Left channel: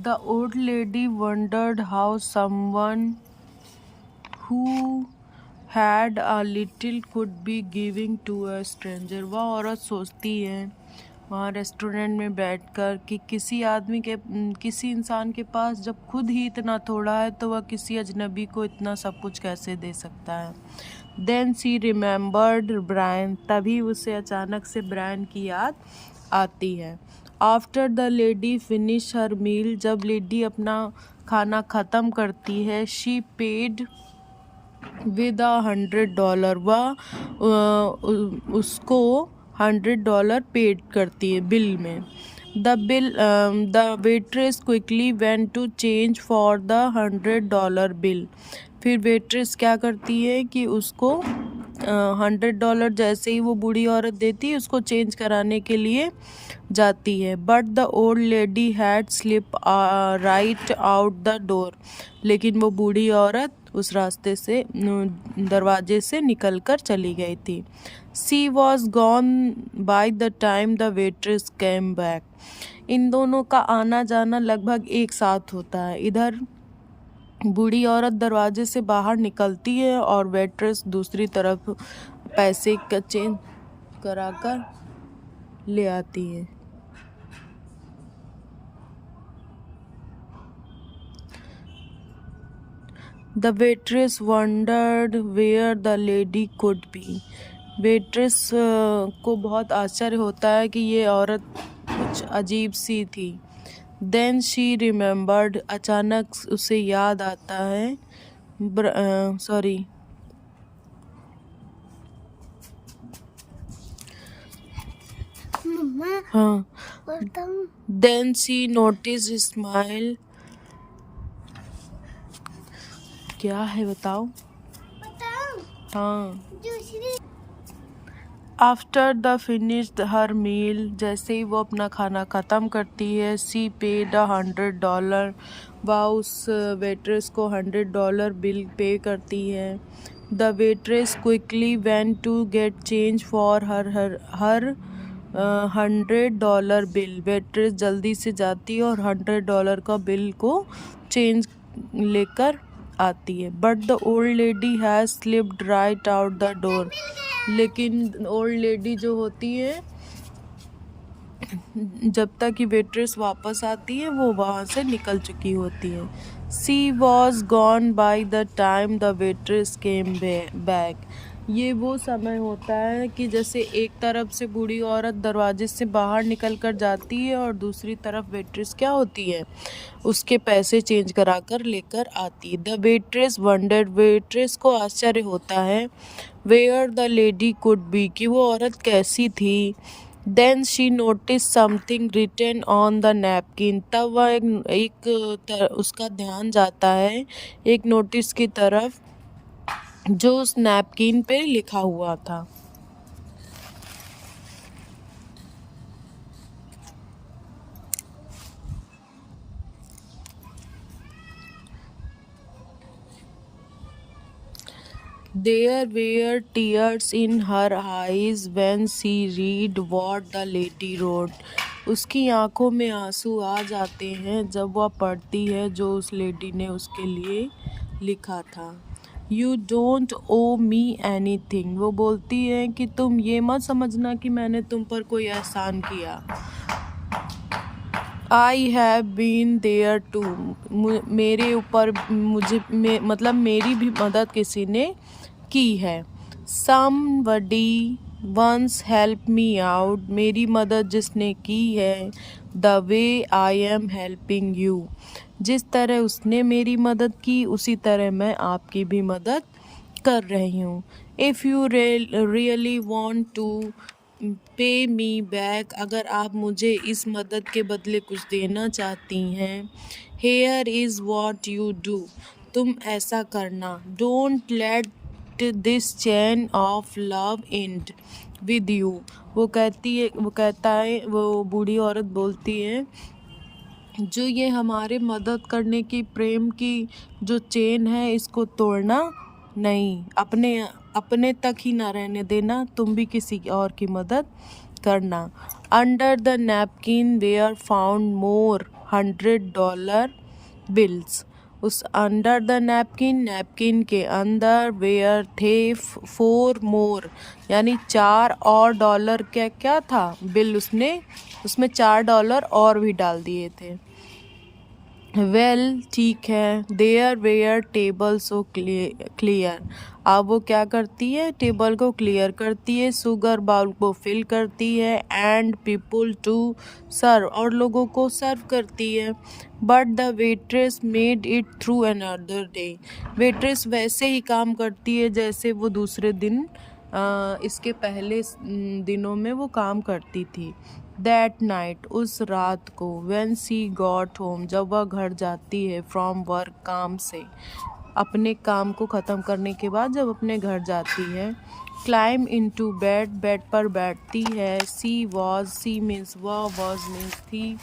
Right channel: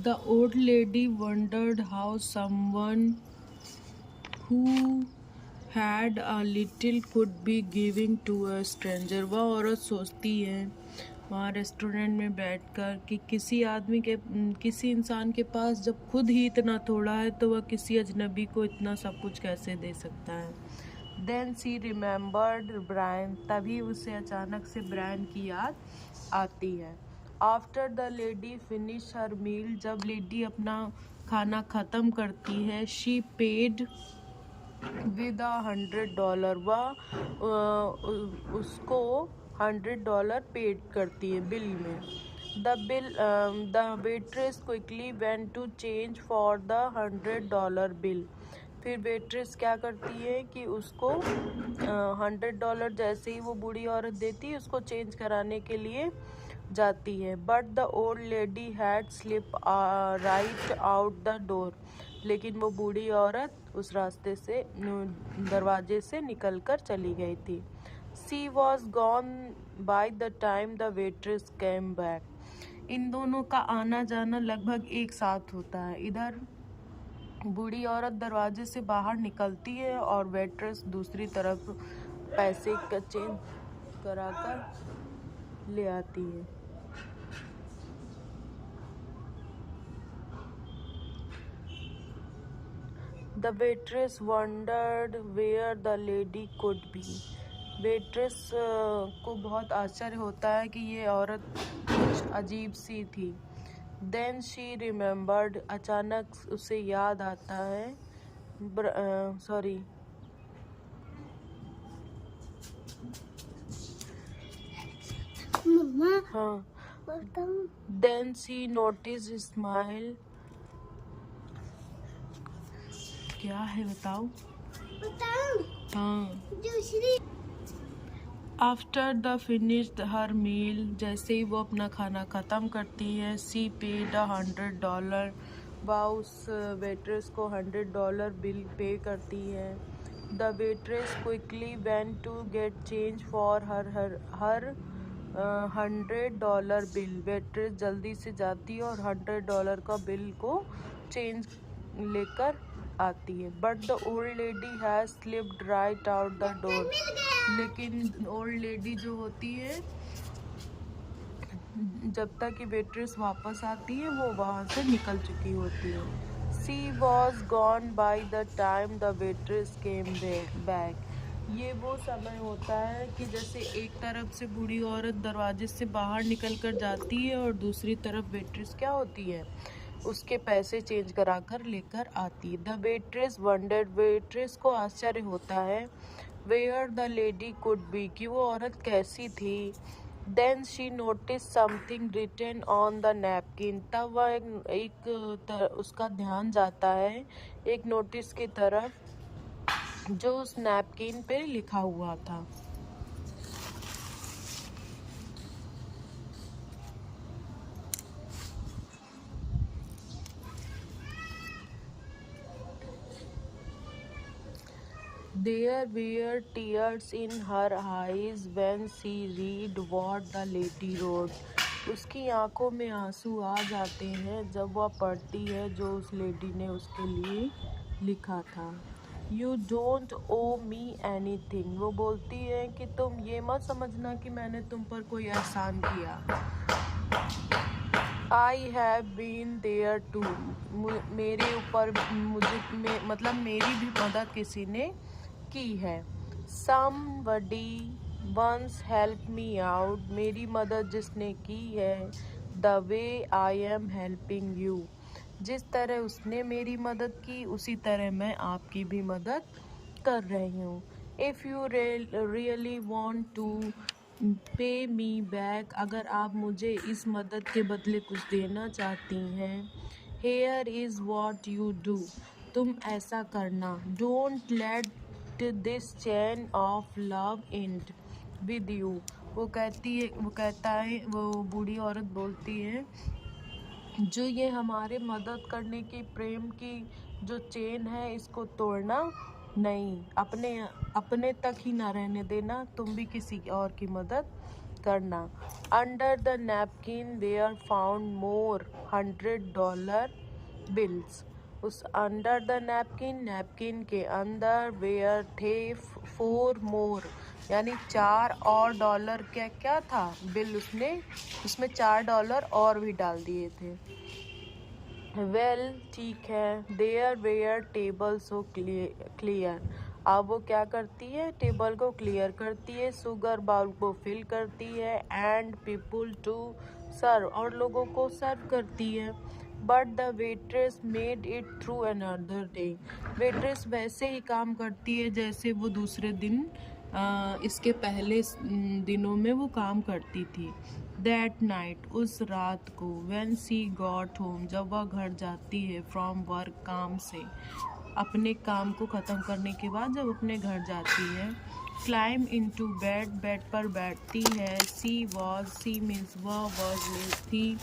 The old lady wondered how someone who had a little could be giving to a stranger। वह औरत सोचती है वहाँ restaurant में बैठकर कि किसी इंसान के पास जब खुद ही इतना थोड़ा है तो वह किसी अजनबी को इतना सब कुछ कैसे दे सकता है। Then she remembered Brian. तभी उसे अचानक से ब्रायन की याद आती है। After the lady finish her meal. जब लेडी अपना खाना ख़त्म करती है, शी पेड विद $100। वह उसको $100 पेड करती है बिल में। The waitress quickly went to change for the $100 bill. फिर वेट्रेस क्या करती है कि उसको $100 जैसे ही वो बूढ़ी औरत देती है उसको चेंज कराने के लिए जाती है। But the old lady had slip right out the door. लेकिन वो बूढ़ी औरत उस रास्ते से दरवाजे से निकलकर चली गई थी। She was gone by the time the waitress came back. इन दोनों का आना जाना लगभग एक साथ होता है। इधर बूढ़ी औरत दरवाजे से बाहर निकलती है और वेट्रेस दूसरी तरफ पैसे का चेंज कराकर ले आती है। The waitress wondered where the lady could be. Waitress को बहुत आश्चर्य होता है कि ये औरत कुछ अजीब सी थी। Then she remembered. अचानक उसे याद आता है हाँ। Then she notice smile. क्या है बताओ? हाँ। After the finished her meal. जैसे ही वो अपना खाना ख़त्म करती है, सी पेड $100। वह उस वेट्रेस को $100 बिल पे करती है। The waitress quickly went to get change for her $100 bill. Waitress जल्दी से जाती है और $100 का बिल को चेंज लेकर आती है। But the old lady has slipped right out the door. लेकिन ओल्ड लेडी जो होती है, जब तक कि वेट्रेस वापस आती है वो वहाँ से निकल चुकी होती है। She was gone by the time the waitress came back. ये वो समय होता है कि जैसे एक तरफ से बूढ़ी औरत दरवाजे से बाहर निकल कर जाती है और दूसरी तरफ वेट्रेस क्या होती है, उसके पैसे चेंज कराकर लेकर आती है। The waitress wandered. वेट्रेस को आश्चर्य होता है where the lady could be, कि वो औरत कैसी थी। Then she notice something written on the napkin. तब वह उसका ध्यान जाता है एक नोटिस की तरफ जो उस नैपकिन पे लिखा हुआ था। There were tears in her eyes when she read what the lady wrote. उसकी आंखों में आंसू आ जाते हैं जब वह पढ़ती है जो उस लेडी ने उसके लिए लिखा था। You don't owe me anything। वो बोलती है कि तुम ये मत समझना कि मैंने तुम पर कोई एहसान किया। I have been there too। मेरे ऊपर मतलब मेरी भी मदद किसी ने की है। Somebody once helped me out। मेरी मदद जिसने की है। The way I am helping you। जिस तरह उसने मेरी मदद की उसी तरह मैं आपकी भी मदद कर रही हूँ। If you really want to pay me back। अगर आप मुझे इस मदद के बदले कुछ देना चाहती हैं, here is what you do। तुम ऐसा करना। Don't let this chain of love end with you। वो बूढ़ी औरत बोलती है जो ये हमारे मदद करने की प्रेम की जो चेन है इसको तोड़ना नहीं, अपने तक ही ना रहने देना, तुम भी किसी और की मदद करना। Under the napkin were found more $100 bills. उस अंडर द नैपकिन के अंदर वेयर थे 4 more, यानी 4 और डॉलर क्या था बिल, उसमें $4 और भी डाल दिए थे। वेल ठीक है, there were table so clear, अब वो क्या करती है, टेबल को क्लियर करती है, शुगर बाउल को फिल करती है, एंड पीपल टू सर्व, और लोगों को सर्व करती है। But the waitress made it through another day, waitress वैसे ही काम करती है जैसे वो दूसरे दिन इसके पहले दिनों में वो काम करती थी। दैट नाइट, उस रात को, व्हेन शी गॉट होम, जब वह घर जाती है, फ्रॉम वर्क, काम से, अपने काम को ख़त्म करने के बाद जब अपने घर जाती है, क्लाइम इनटू बेड, बेड पर बैठती है, सी मीन्स वह, वॉज मीन्स थी,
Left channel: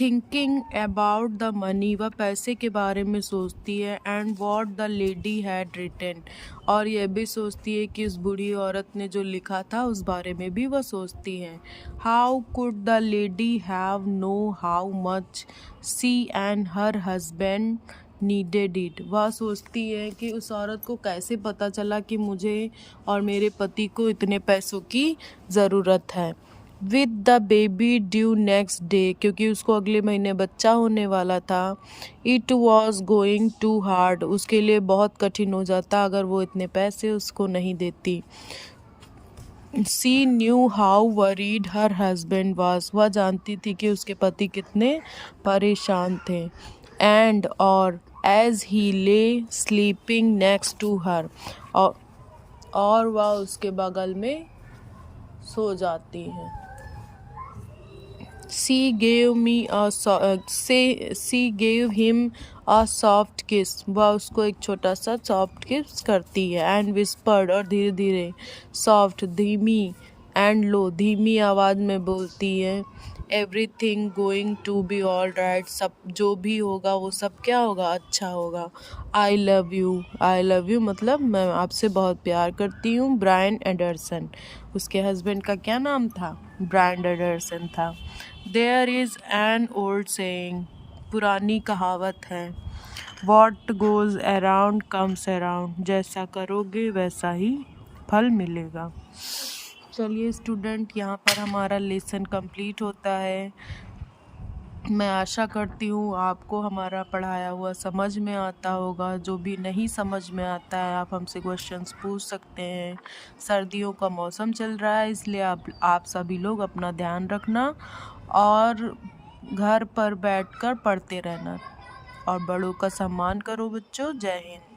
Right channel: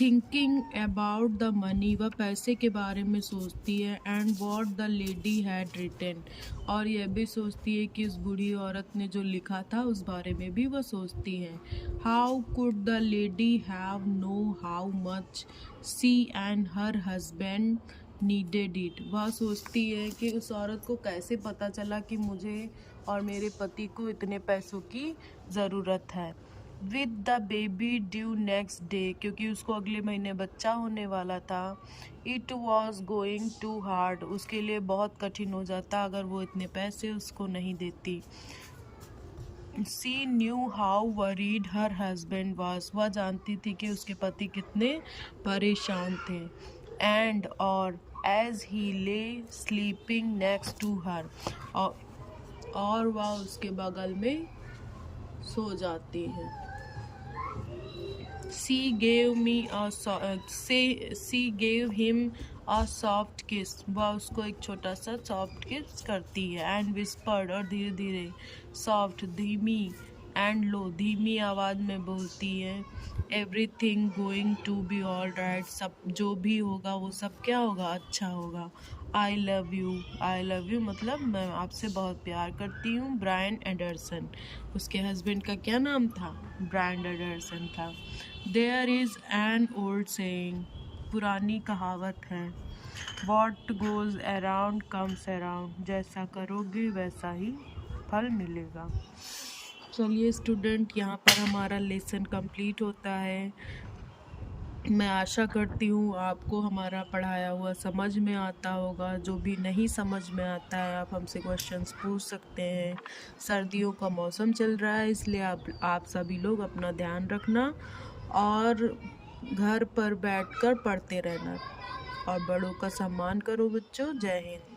थिंकिंग अबाउट द मनी, वह पैसे के बारे में सोचती है, and what the lady had written, और यह भी सोचती है कि उस बूढ़ी औरत ने जो लिखा था उस बारे में भी वह सोचती है। How could the lady have know how much see and her husband needed it, वह सोचती है कि उस औरत को कैसे पता चला कि मुझे और मेरे पति को इतने पैसों की ज़रूरत है। With the baby due next day, क्योंकि उसको अगले महीने बच्चा होने वाला था, it was going to hard, उसके लिए बहुत कठिन हो जाता अगर वो इतने पैसे उसको नहीं देती। She knew how worried her husband was, वह जानती थी कि उसके पति कितने परेशान थे। एंड और एज ही ले स्लीपिंग नेक्स्ट टू हर, और वह उसके बगल में सो जाती है। She gave him a soft kiss, वह उसको एक छोटा सा सॉफ्ट किस करती है, एंड whispered, और धीरे धीरे, सॉफ्ट धीमी, एंड लो धीमी आवाज़ में बोलती है, everything going to be all right, सब जो भी होगा वो सब क्या होगा, अच्छा होगा। आई लव यू मतलब मैं आपसे बहुत प्यार करती हूँ। ब्रायन एंडरसन, उसके हस्बैंड का क्या नाम था, ब्रायन एंडरसन था। There is an old saying, पुरानी कहावत है, what goes around comes around, जैसा करोगे वैसा ही फल मिलेगा। चलिए स्टूडेंट, यहाँ पर हमारा लेसन कंप्लीट होता है। मैं आशा करती हूँ आपको हमारा पढ़ाया हुआ समझ में आता होगा। जो भी नहीं समझ में आता है आप हमसे क्वेश्चंस पूछ सकते हैं। सर्दियों का मौसम चल रहा है, इसलिए आप सभी लोग अपना ध्यान रखना और घर पर बैठकर पढ़ते रहना, और बड़ों का सम्मान करो बच्चों। जय हिंद।